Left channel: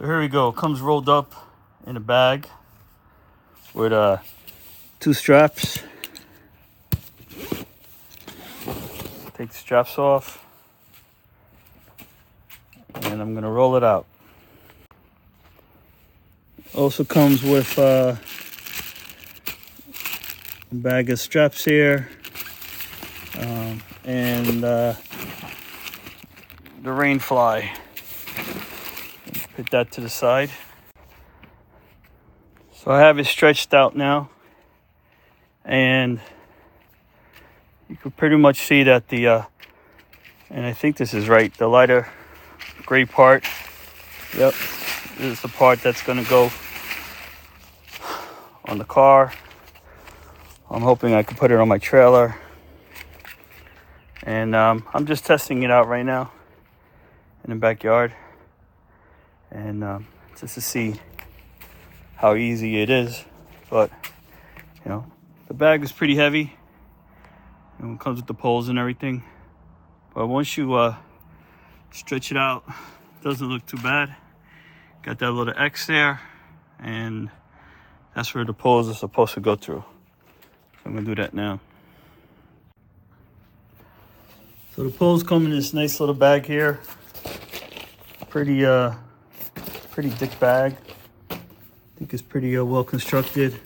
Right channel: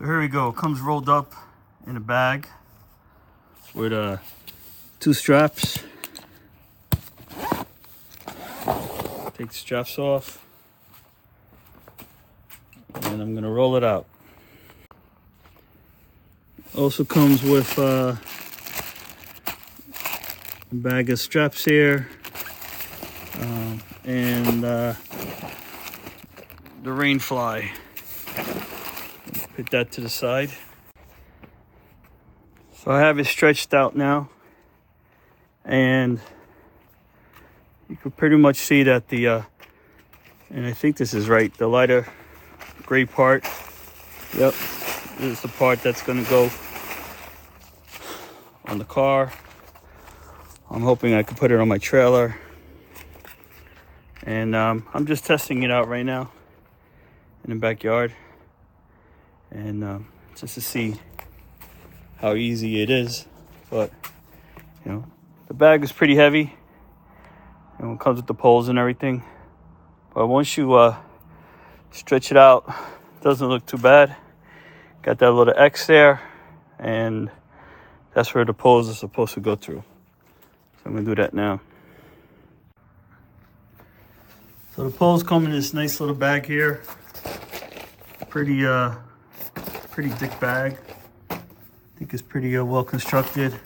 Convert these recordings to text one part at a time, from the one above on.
So here we go. It comes rolled up in a bag with 2 straps. Take the straps off, and I'm gonna roll it out. Also comes with a bag of straps here, and the rain fly. Put that to the side. So I have it stretched out now, and you can pretty much see that the and I think this is right, the lighter gray part, yep, this is the part that's going to go on the car. I'm hoping I can put it on my trailer, and I'm just testing it out right now in the backyard, and just to see how easy it is. But you know, the bag is pretty heavy, and it comes with the poles and everything, but once you stretch it out, it doesn't look too bad. Got that little X there, and that's where the poles are supposed to go through. So I'm gonna do that now. So the poles come in this nice little bag here. Pretty thick bag. I think it's pretty well constructed.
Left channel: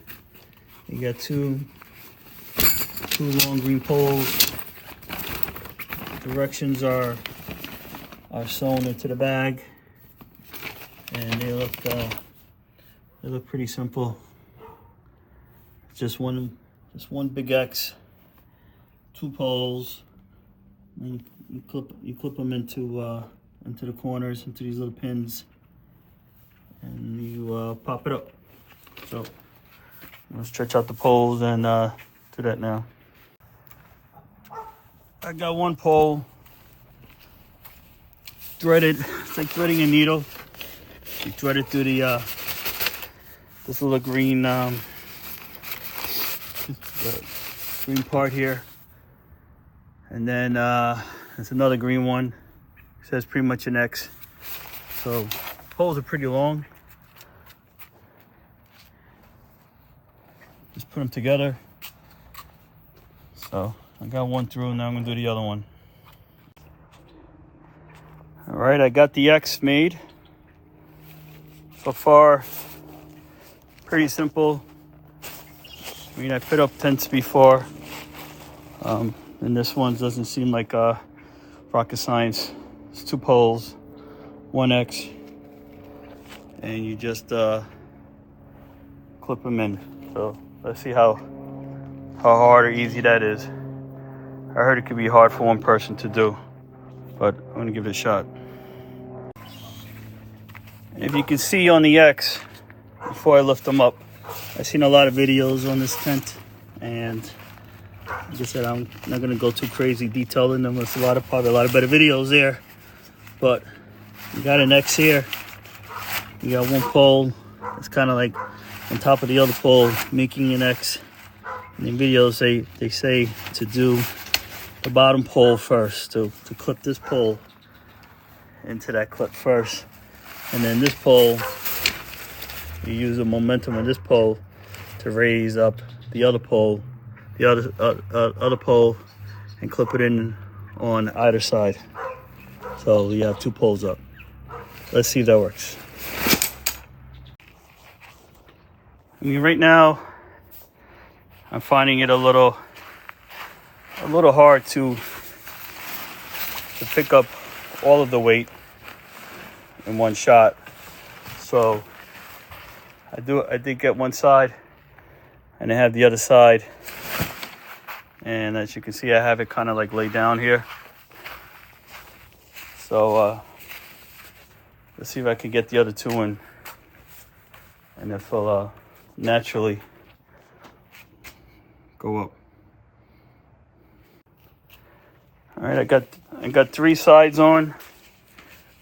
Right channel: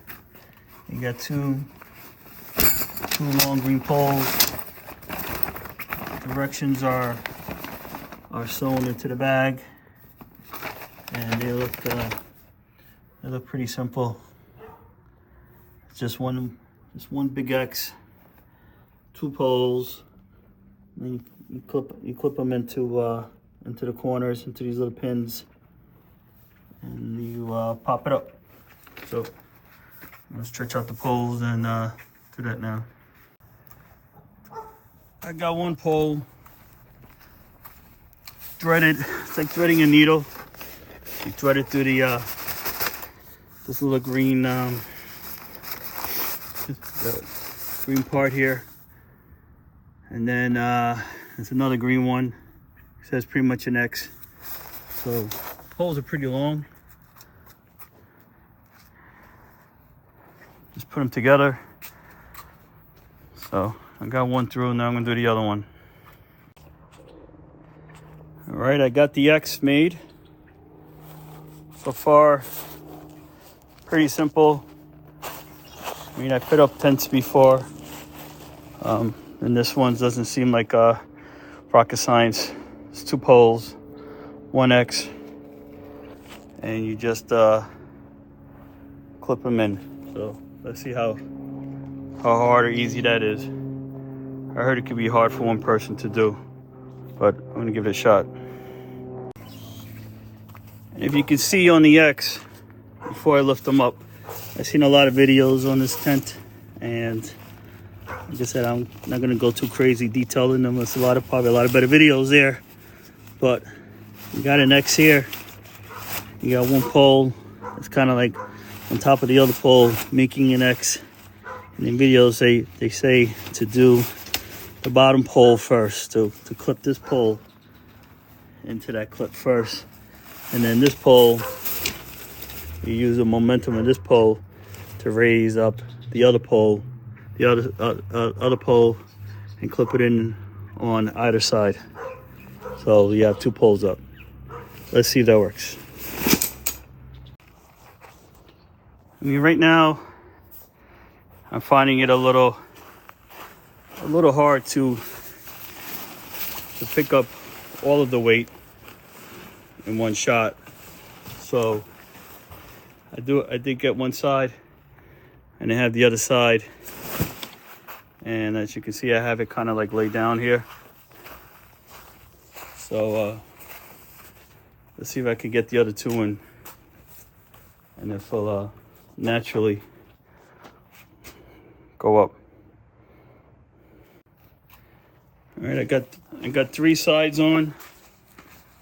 You got two long green poles. Directions are sewn into the bag, and they look pretty simple. It's just one big X, 2 poles, and you clip them into the corners, into these little pins, and you pop it up. So I'm gonna stretch out the poles and do that now. I got one pole threaded. It's like threading a needle. You thread it through the this little green green part here, and then there's another green one. It says pretty much an X. So poles are pretty long. Just put them together. So I got one through, and now I'm gonna do the other one. All right, I got the X made. So far, pretty simple. I mean, I fit up tents before, and this one doesn't seem like rocket science. It's 2 poles, 1 X, and you just clip them in. So let's see how hard or easy that is. I heard it could be hard for one person to do, but I'm gonna give it a shot. If you can see on the X, before I lift them up, I've seen a lot of videos on this tent, and like I said, I'm not gonna go too crazy detailing them. There's probably a lot of better videos there, but you got an X here. You got one pole that's kind of like on top of the other pole, making an X. And in videos, they say to do the bottom pole first, to clip this pole into that clip first, and then this pole, you use the momentum of this pole to raise up the other pole, other pole, and clip it in on either side. So you have 2 poles up. Let's see if that works. I mean, right now, I'm finding it a little hard to pick up all of the weight in one shot. So I did get one side, and I have the other side, and as you can see, I have it kind of like laid down here. So let's see if I can get the other 2 in, and if it'll naturally go up. All right, I got 3 sides on.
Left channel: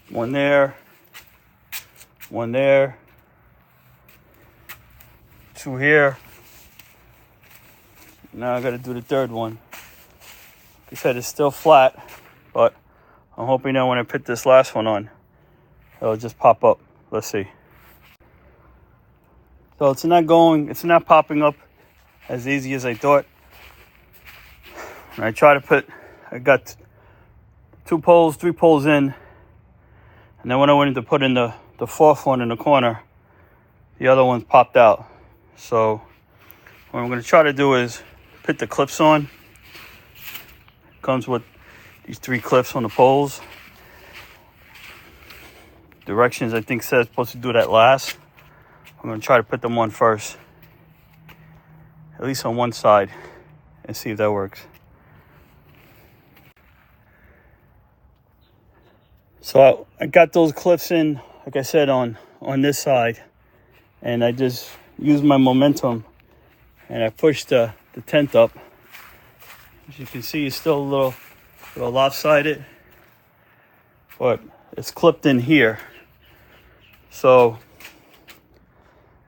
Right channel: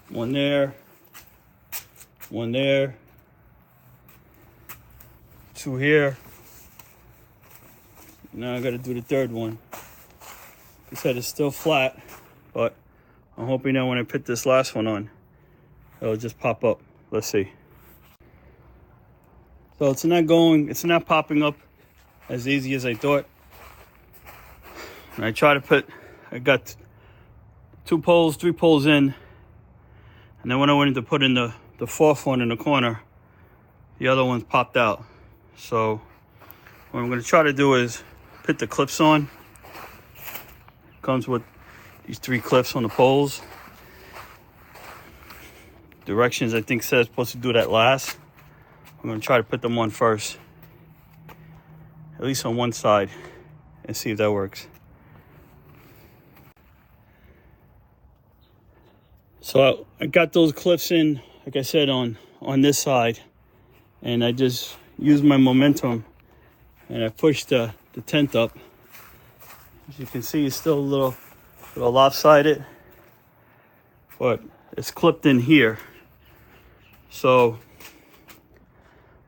One there, 2 here. Now I got to do the 3rd one. Like I said, it's still flat, but I'm hoping that when I put this last one on, it'll just pop up let's see. So it's not popping up as easy as I thought. And I got 3 poles in. And then when I went to put in the 4th one in the corner, the other ones popped out. So what I'm going to try to do is put the clips on. Comes with these 3 clips on the poles. Directions, I think, says supposed to do that last. I'm going to try to put them on first, at least on one side, and see if that works. So I got those clips in, like I said, on this side, and I just used my momentum and I pushed the tent up. As you can see, it's still a little lopsided, but it's clipped in here. So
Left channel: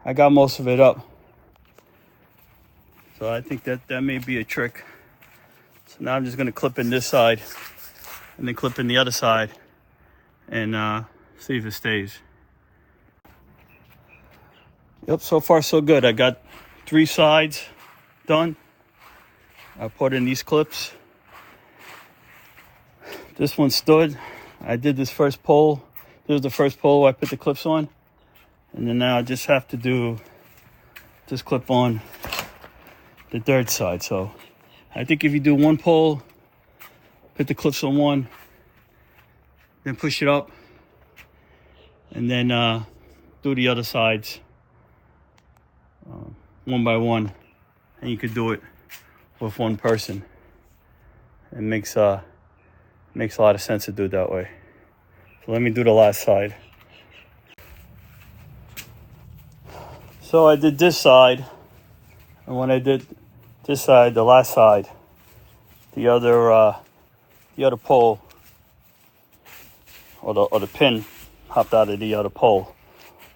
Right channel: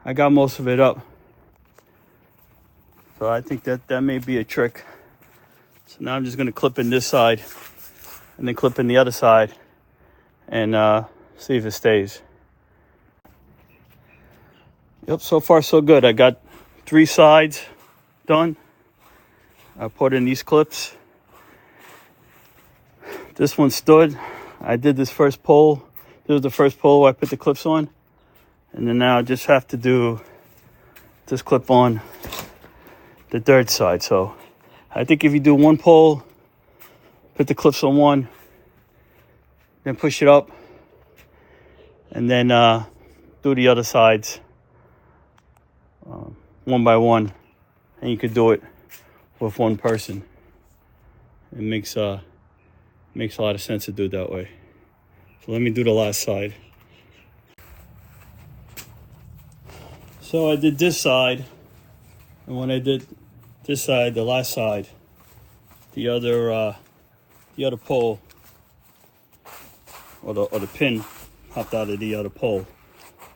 I got most of it up. So I think that may be a trick. So now I'm just going to clip in this side and then clip in the other side and see if it stays. Yep, so far so good. I got 3 sides done. I put in these clips. This one stood. I did this first pole. This was the first pole I put the clips on. And then now I just have to do this clip on the 3rd side. So I think if you do 1 pole, put the clips on one, then push it up, and then do the other sides one by one, and you could do it with 1 person. It makes a lot of sense to do it that way. So let me do the last side. So I did this side, and when I did this side, the last side, the other pole or the pin popped out of the other pole,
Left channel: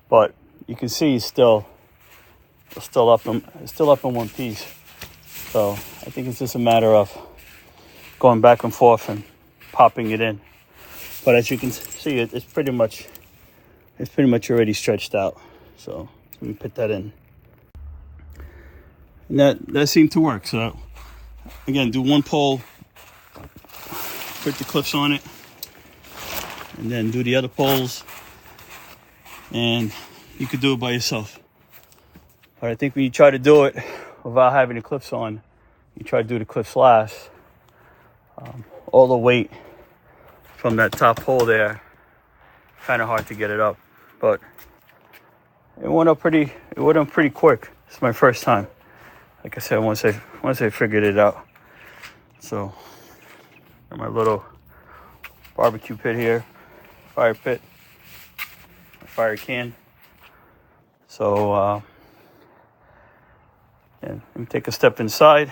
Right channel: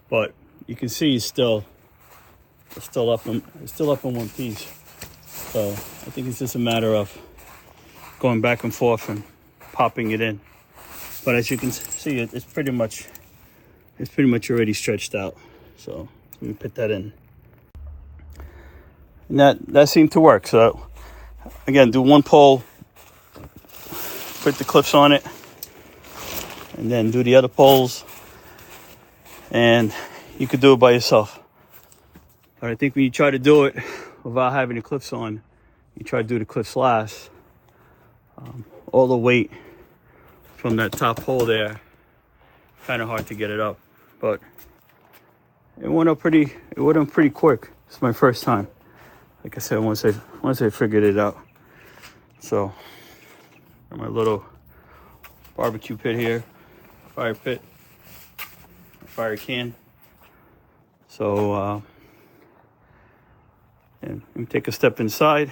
but you can see it's still up in one piece. So I think it's just a matter of going back and forth and popping it in. But as you can see, it's pretty much already stretched out. So let me put that in. And that seemed to work. So again, do 1 pole, put the clips on it, and then do the other poles, and you could do it by yourself. But I think when you try to do it without having the clips on, you try to do the clips last. All the weight from that top pole there, kind of hard to get it up, but it went up pretty quick. It's my first time. Like I said, once I figured it out. So got my little barbecue pit here, fire pit, a fire can. So and let me take a step inside.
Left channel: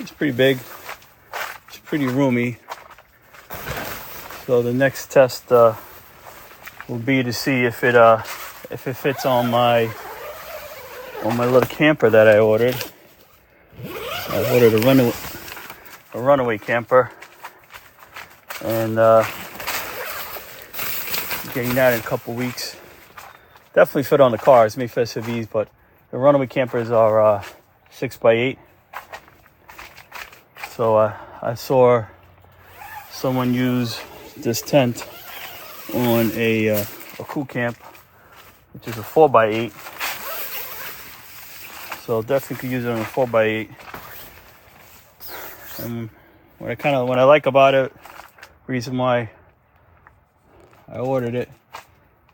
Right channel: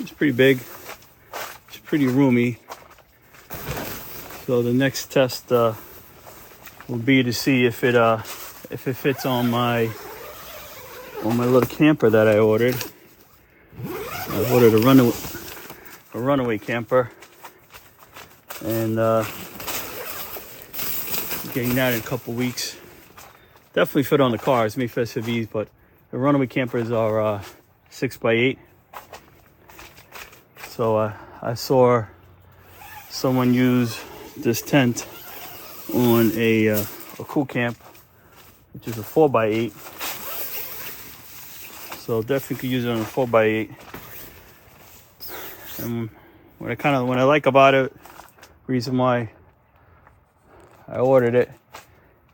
It's pretty big. It's pretty roomy. So the next test will be to see if it fits on my little camper that I ordered. I ordered a runaway camper, and getting that in a couple weeks. Definitely fit on the car. It's made for SUVs, but the runaway campers are 6x8. So I saw someone use this tent on a cool camp, which is a 4x8. So definitely could use it on a 4x8. And what I like about it, reason why I ordered it,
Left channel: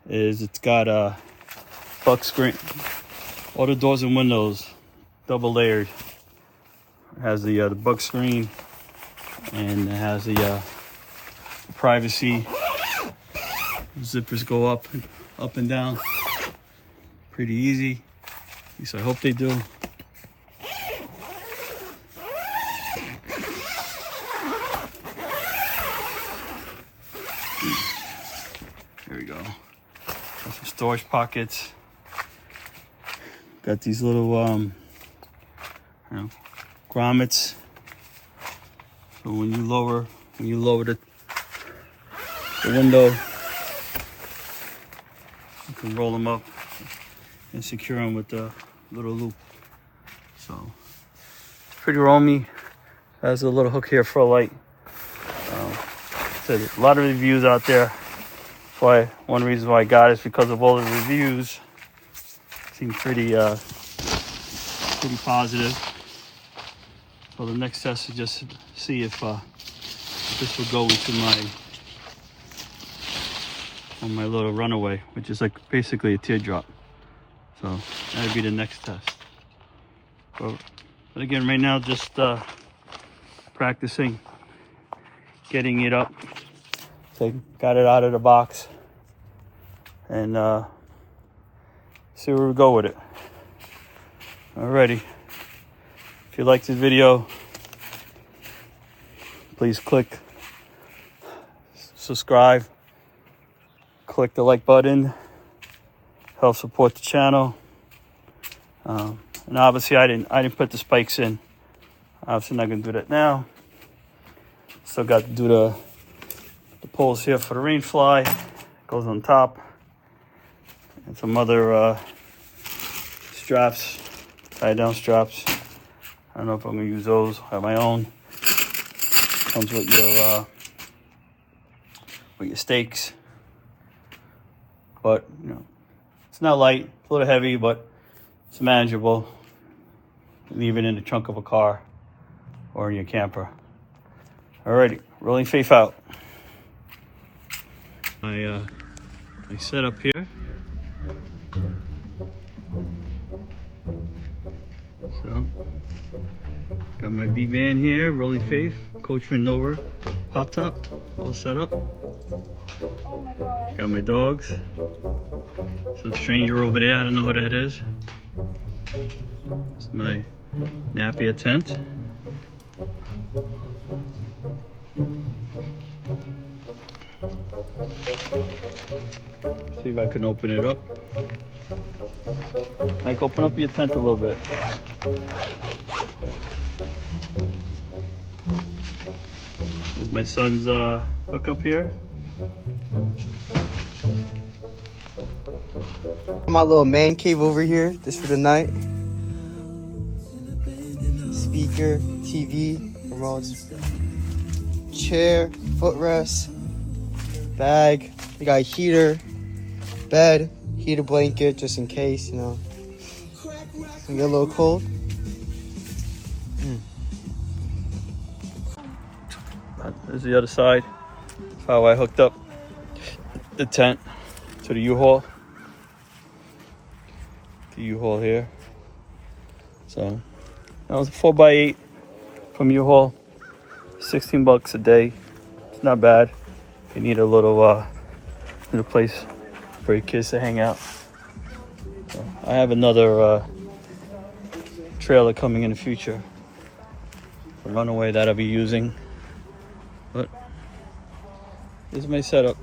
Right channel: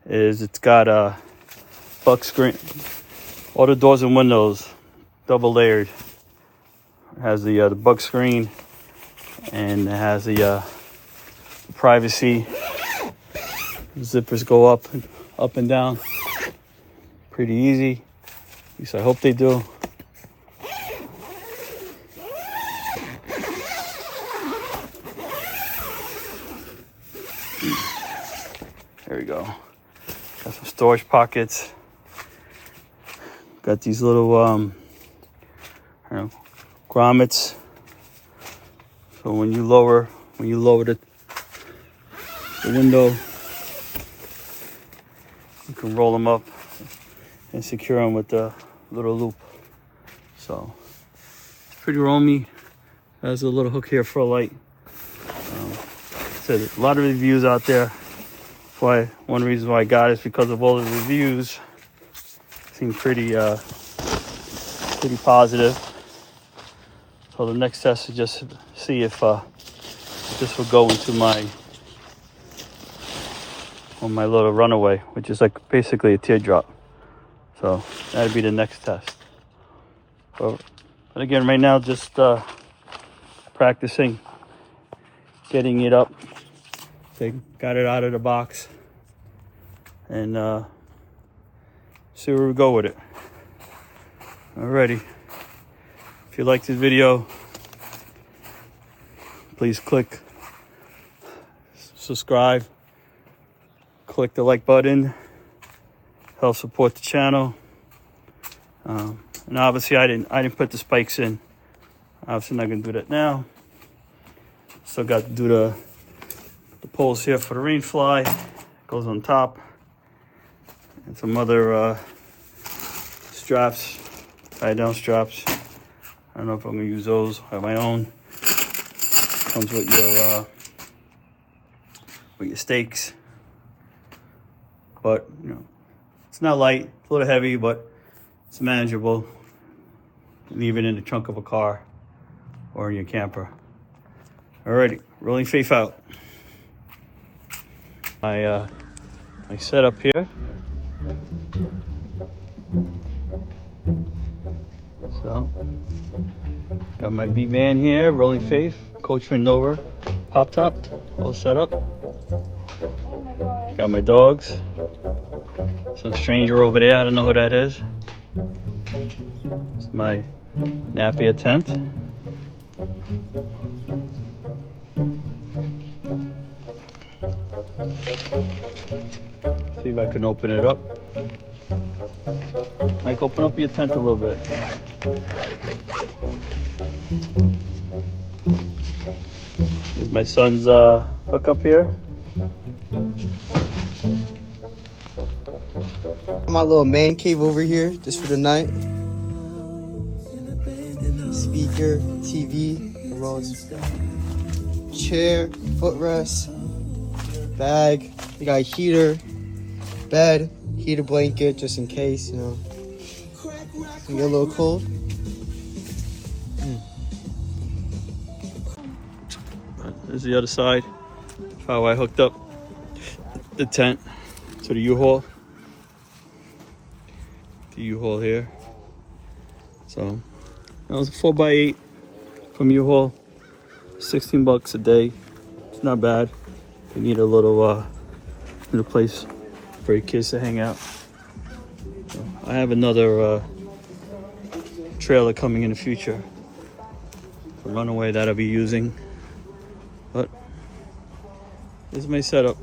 is it's got a buck screen, all the doors and windows double layered. It has the bug screen, and it has the privacy. Zippers go up and down pretty easy. At least I hope they do. There you go. Got some storage pockets. Got these little grommets. So when you lower the window. You can roll them up and secure them with the little loop. So pretty roomy. Has a little hook here for a light. So there's a lot of reviews out there. Why one reason why I got it is because of all the reviews. Seem pretty positive. So the next test is just to see if this will go into my little runaway, which is like basically a teardrop. So that'd be the next test. But again, right now just practicing getting it up. So got it out of the box and see where we go with it. Alrighty. If you like this video, please click subscribe, click the like button, help support the channel. And obviously I didn't put the spikes in. Obviously not gonna do that now. Still got to do the poles here for the rain fly. Goes on top. And some other straps, tie down straps. I don't know if I'm gonna use those. I have my own. Comes with your stakes. But you know, it's not light, it's a little heavy, but it's manageable. Leave it in the trunk of a car or in your camper. Alrighty, rolling faith out. My setup here. So, got my beat van here, rolling faith, Coachman Nova, pop top, all set up. Got my dogs. Some stranger over there, I don't know who that is. It's my Napier tent. See if I can open it up. Mike, open up your tent a little bit. Here's my son's hookup here. My little man cave over here just for the night. Speaker, TV, remotes, chair, footrest, bag. We got a heater, bed, heater blanket just in case, you know. You get a little cold. There's the other side. That's how I hooked up the tent to the U-Haul. The U-Haul here. So that was a 4x8 from U-Haul. 16 bucks a day. It's not bad. If you need a little place for your kids to hang out. So I have another trailer coming in the future for runaway that I'll be using. But this is my setup.